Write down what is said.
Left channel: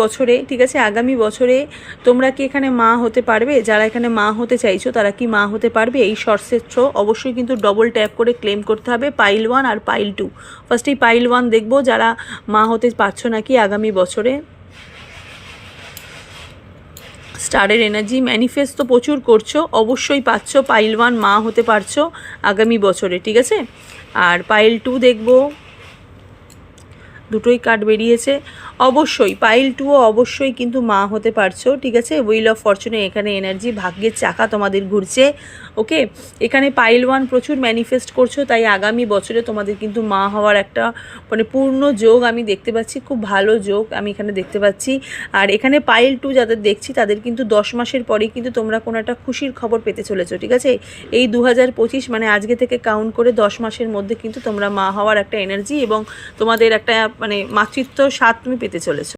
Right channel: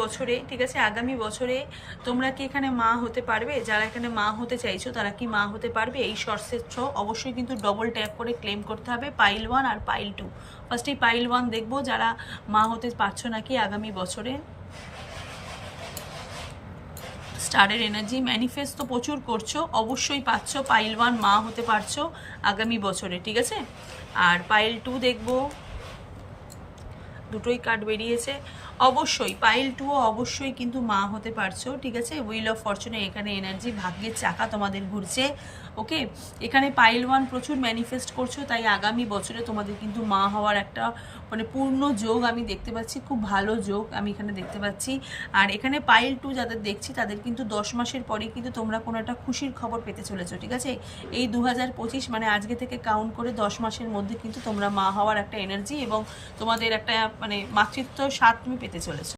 বছরে, ঠিক আছে, আগামী বছরে তোমরা কি এখানে মা হতে পারবে? যারা এখানে মা হতে চাইছো তারা কি মা হতে পারবে? এই শর্টসের থ্রো অবশ্যই কিন্তু ডবল ট্যাপ করে ক্লেম করতে হবে পাইল 1 আর পাইল 2। ফার্স্ট এই পাইল 1 দেখবো যারা মা হতে পারছো নাকি আগামী বছরে। স্টারের এনার্জি ম্যানিফেস্ট তো প্রচুর করছো, অবশ্যই পাচ্ছ, পাইল 1 মা হতে পারছো আগামী বছরে, ঠিক আছে। আর পাইল 2 দেখবো, দুটোই কার্ড বেরিয়েছে, অবশ্যই পাইল 2ও অবশ্যই কিন্তু মা হতে পারছো, ঠিক আছে। হুইল অফ ফরচুনে এখানে এনার্জি, ভাগ্যের চাকা তোমাদের ঘুরছে, ওকে। এখানে পাইল 1 প্রচুর ম্যানিফেস্ট করছো, তাই আগামী বছরে তোমাদের কিন্তু মা হওয়ার একটা মানে পূর্ণ যোগ আমি দেখতে পাচ্ছি, খুব ভালো যোগ আমি এখানে দেখতে পাচ্ছি। আর এখানে পাইল 2 যাদের দেখছি তাদের কিন্তু 10 মাসের পরেই কিন্তু তোমরা কোনো একটা খুশির খবর পেতে চলেছো, ঠিক আছে। এই 2025 মানে আজকে থেকে কাউন্ট করে 10 মাসের মধ্যে কিন্তু তোমরা মা হওয়ার একটা এনার্জি এবং তোমাদের একটা মানে মাতৃত্ব স্বাদ তুমি পেতে চলেছো।